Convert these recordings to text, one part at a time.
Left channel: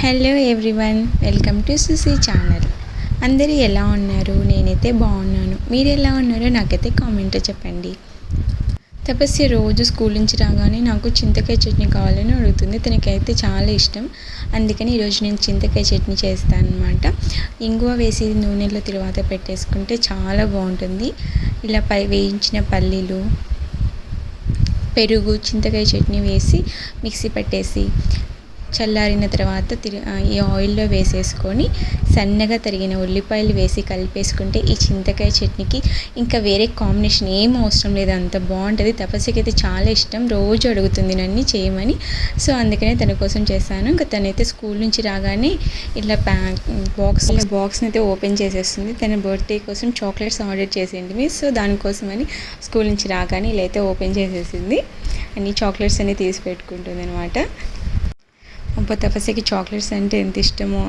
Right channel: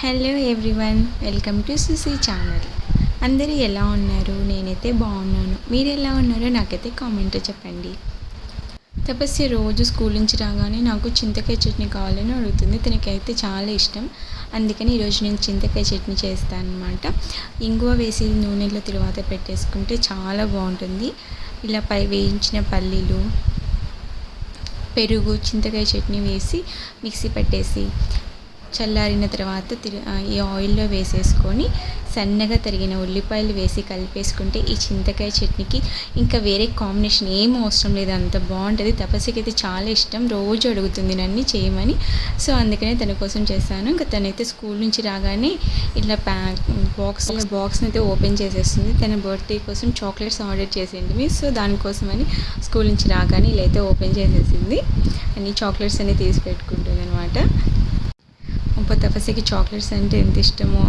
Hello everyone, welcome to Susi channel. అందరూ ఎలా ఉన్నారు? నేనైతే బాగున్నాను. మీరు ఎలా ఉన్నారో నాకైతే కామెంట్లో చెప్పండి. తపస్య రోజు స్కూల్ నుంచి రాగానే నాకు చింతకాయ చట్నీ కావాలని అడుగుతుంది. తనకైతే చాలా ఇష్టం. అందుకని ఈరోజు నేను చింతకాయ చట్నీ చేస్తాను అనమాట. ఇంగువ వేసి నూనెలో తర్వాత పెట్టేసుకుంటే చాలా బాగుంటుంది. ఇలా వేయించిన పల్లీలు, పెరుగు, చింతకాయ చట్నీ వేసి మిక్సీ పట్టేసి చల్లారిన తర్వాత ఈ ఆయిల్లో వేసేసుకొని సన్నగా తరిగిన ఉల్లిపాయలు వేసి కలిపేసుకుంటే ఈ చింతకాయ చట్నీకి ఇంకా వేరే కాంబినేషన్ ఏం అవసరం లేదు, అంత బాగుంటుంది. తపస్సుకి అయితే చాలా ఇష్టం, రోజు అడుగుతుంది నన్ను చేయమని. సో అందుకనే తన కోసం చేశాను. ఇంకా తనైతే స్కూల్ నుంచి రాగానే ఇలా బాక్స్ని అయితే ఓపెన్ చేసేస్తుంది. తన బర్త్డే కోసం చాక్లెట్స్ ఆర్డర్ చేసింది. సో దానికోసమని స్కూల్ నుంచి రాగానే ఇలా అయితే ఓపెన్ చేసేసింది. అన్ని చాక్లెట్స్ అన్నీ తీసి పెట్టుకుంటుంది అనమాట. తపస్యకి చాక్లెట్స్ అంటే ఎంత ఇష్టమో.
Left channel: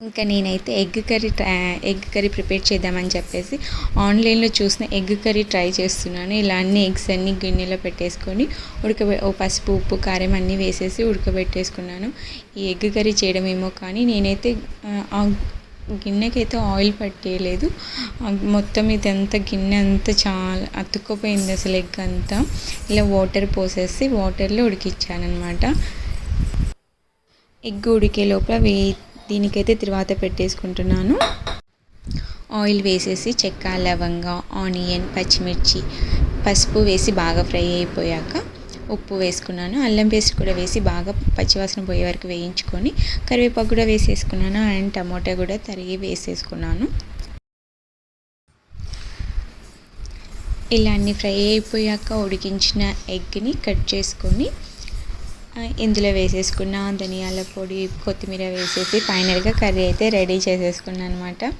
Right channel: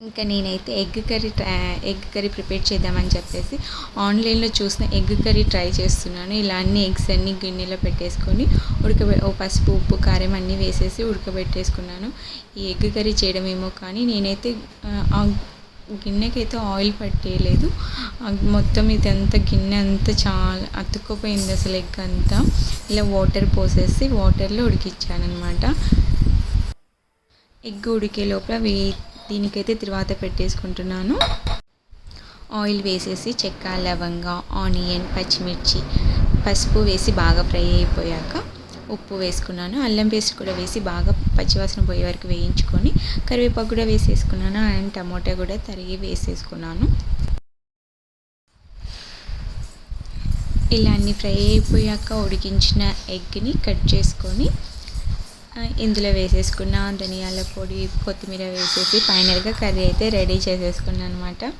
ఇంకా నేనైతే ఎగ్ కర్రీ ప్రిపేర్ చేద్దామని చెప్పేసి ఆన్లైన్లో చూసిన ఎగ్ కర్రీ ట్రై చేస్తున్నాను. ఇలా అన్ని ఎగ్స్ అన్ని గిన్నెలో పెట్టేసుకొని పసుపు, ఉప్పు, కారం అన్నీ వేసేసి ఉడకబెట్టేసుకున్నాను. ఈ ఎగ్ కర్రీ చేయడం ఏమో కానీ నేనైతే గిన్నెకైతే ఆయిల్ పట్టేయలేదు. మొత్తం ఇదంతా గిన్నె అంతా చాలా అతుక్కుపోయింది అసలు ఎగ్ అంతా. ఇలా వాటర్ పోసేసి వాటర్లో ఉడికించాను అనమాట. ఎగ్ ఉడికే లోపల దీనికైతే తర్వాత పెట్టేసుకుంటున్నాను. ఆయిల్ వేసేసి చెక్క, లవంగ, ఆనియన్, పచ్చిమిర్చి, పసుపు వేసి బాగా ఫ్రై అయిపోయాక ఉప్పు వేసుకున్నాను. అల్లం పేస్ట్ కూడా వేసి బాగా పచ్చివాసన పోయే వరకు వేయించుకొని కరివేపాకు కూడా వేసేసుకున్నాను. అండ్ టమాటా కూడా తరిగి వేసేసుకున్నాను. ఇలా అన్నీ ఫ్రై అయిపోయాక ఉడికించిన ఎగ్ని కట్ చేసుకొని ఇందులో వేసేసుకున్న ధనియాల పొడి, కొత్తిమీర వేసేసి ఫైనల్గా కర్రీ అయితే రెడీ చేసేసుకున్నాను అనమాట.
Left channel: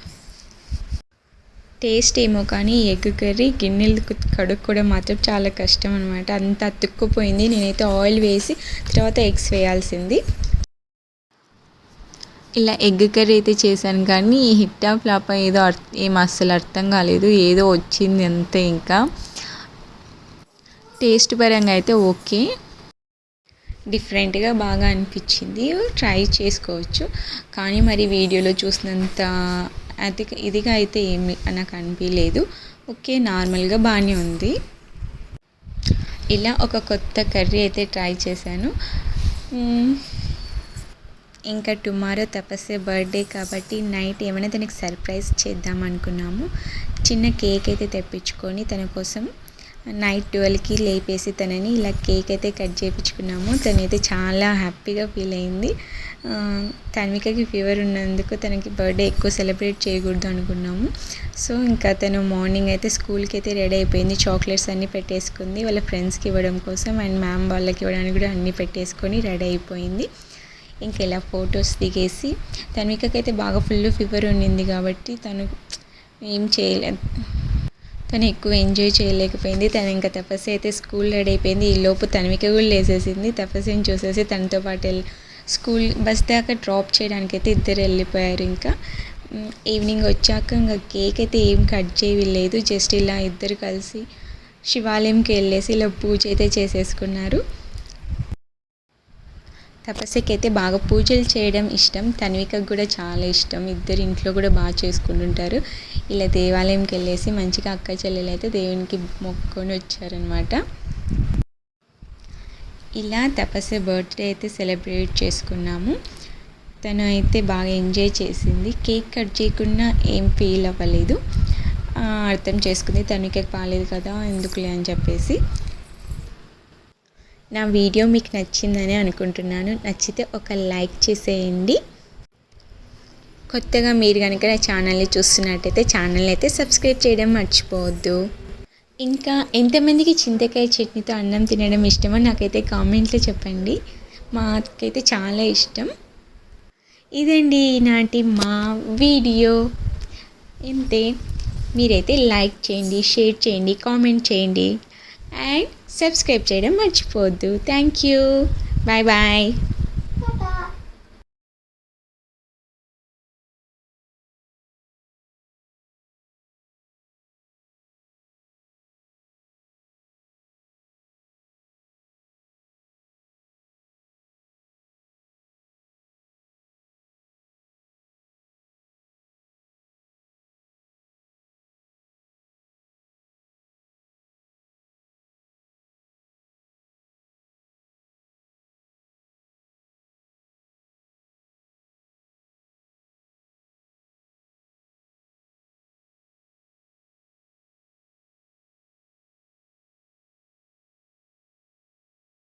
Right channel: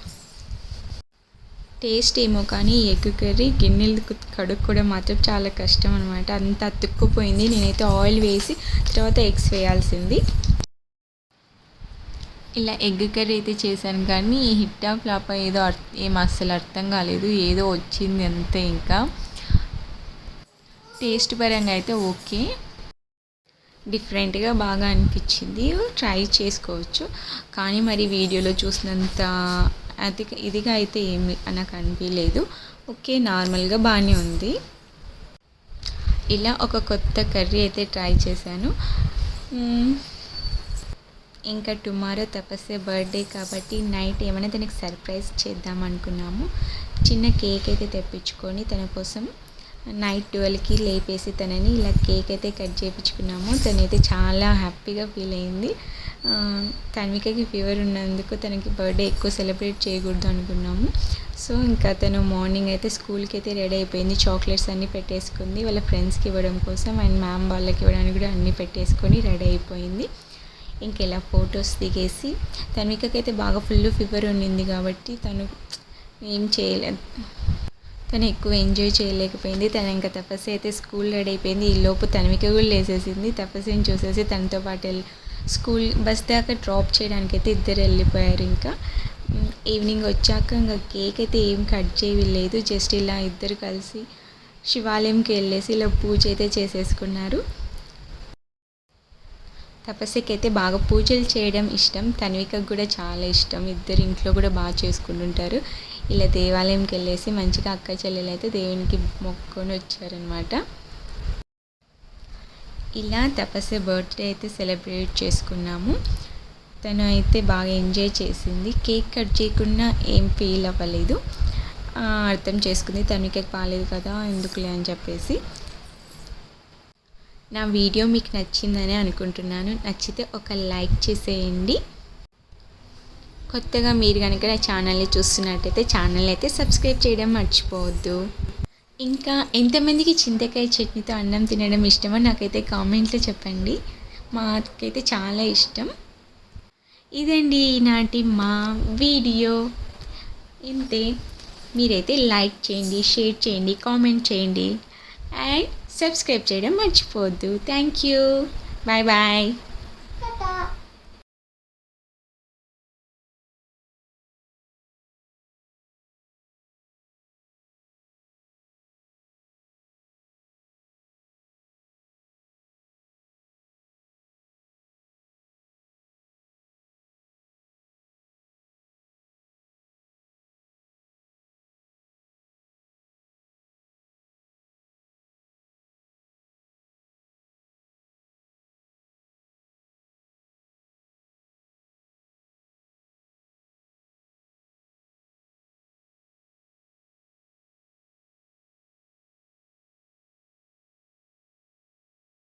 టేస్ట్ ఏమో కానీ ఈ ఎగ్ కర్రీ గిన్నెలు కడుక్కోవడం మాత్రం చాలా కష్టం అనమాట. అంత అతుక్కుపోయింది. నేనైతే ఆయిల్ వేసి తర్వాత ఎగ్స్ వేయాల్సింది. ఇలా ఎగ్ కర్రీ అయితే చేశాను కానీ ఈ హిట్టా ఫ్లాప్ ఏదో ఏం అస్సలు అర్థం కాలేదు. ఏదో వచ్చింది అంతే. ఇంకా టేస్ట్ పరంగా అయితే ఓకే, డిఫరెంట్గా బాగా అనిపించింది, ట్రై చేసుకోవచ్చు. కానీ మరి వీడియోలో చూసినంత ఇదిగా అయితే ఏమి నాకు అనిపించలేదు. ఓకే, నార్మల్గా బాగానే ఉంది. ఇలా ఒక కొత్త కర్రీ అయితే ట్రై చేశాను. ఇంకా టుమారో తపస్య బర్త్డే కాబట్టి నైట్ ఏమైనా తనకి సర్ప్రైజ్ చేద్దాం అనుకున్నాము. చిన్న కేక్ అయితే తెప్పించుకొని తన కోసం నైట్ 12కి లేపేసి తనని ఇలా కేక్ అయితే కట్ చేయించుకున్నాము. తనైతే చాలా హ్యాపీగా ఫీల్ అయింది. తన్వికకి ఫీవర్ ఉన్నందుకు తనకి బర్త్డే ఎక్కువ సెలబ్రేట్ చేయకూడదు అనుకున్నాము. సో ఇంకా తను మార్నింగ్ అయితే స్కూల్కి అయితే రెడీ అయిపోయింది. చాక్లెట్స్ అన్నీ పెట్టేసుకుంది వాళ్ళ ఫ్రెండ్స్కి ఇవ్వడం కోసం, అండ్ మ్యామ్ వాళ్ళకి ఇవ్వడానికి కూడా అన్నీ పెట్టేసుకొని రెడీ అయిపోయింది. ఇంక ఇలా ఫొటోస్ దిగేసి తన్వికకి అయితే బాగా ఫుల్ ఫీవర్ ఉండింది కాబట్టి తను ఏం చేయలేదు, తను ఎక్కువ ఎంజాయ్ చేయలేకపోయింది. తను ఇంకా తపస్య అయితే స్కూల్ రెడీ అయిపోయింది. ఈ లోపు తన్విక కూడా లేసేసింది. తపస్యని చూసేసి తనతో పాటు స్కూల్ బస్ దాకా డ్రాప్ చేయడానికి అయితే ఇద్దరు వెళ్ళిపోయారు. ఇంకా ఈవినింగ్ వచ్చాక ఇంకా కేక్ అయితే ఏం కట్ చేయలేదు. జస్ట్ ఇలా ఇద్దరు కలిసి శివాలయంకి వెళ్ళేసి ఇలా పూజ అయితే చేసేసుకున్నారు. తపస్యకి అయితే బాగా పూజలు చేయడం ఇష్టం, తన్వికకు కూడా చాలా ఇష్టం. ఇద్దరు ఇంట్లో కూడా బాగా చేసుకుంటుంటారు. ఇలా దేవాలయంకి వెళ్ళేసి మంచిగా అక్క చెల్లెలు అయితే దేవునికి మొక్కుకొని వచ్చారనమాట. ఇలా తపస్య బర్త్డే అయితే సెలబ్రేట్ చేసుకున్నాము. తను అయితే బాగా ఎంజాయ్ చేసింది. కేక్ కట్ చేయకుండా ఏం ఫీల్ అవ్వలేదు. అర్థం చేసుకుంది తనకి బాగాలేదు కదా ఎందుకులే అని చెప్పేసి. నా వీడియో మీకు నచ్చిందని అనుకుంటున్నాను. నచ్చితే ఒక లైక్ చేసేయండి. కొత్తగా మీరు కనుక నా ఛానల్ని చూస్తున్నట్టయితే ఛానల్ అయితే సబ్స్క్రైబ్ చేయడం మర్చిపోవద్దు. ఇంకా ఎంతమందికి చింతకాయ చట్నీతో అన్నం తినడం ఇష్టమో నాకైతే కామెంట్లో చెప్పండి. మాకైతే చాలా ఇష్టం. ఇదండి ఈనాటి మా వీడియో. ఇంతే. మీరైతే లైక్ చేయండి, షేర్ చేయండి, కామెంట్ చేయండి అండ్ సబ్స్క్రైబ్ చేయడం మర్చిపోవద్దు. Thank you. Bye bye.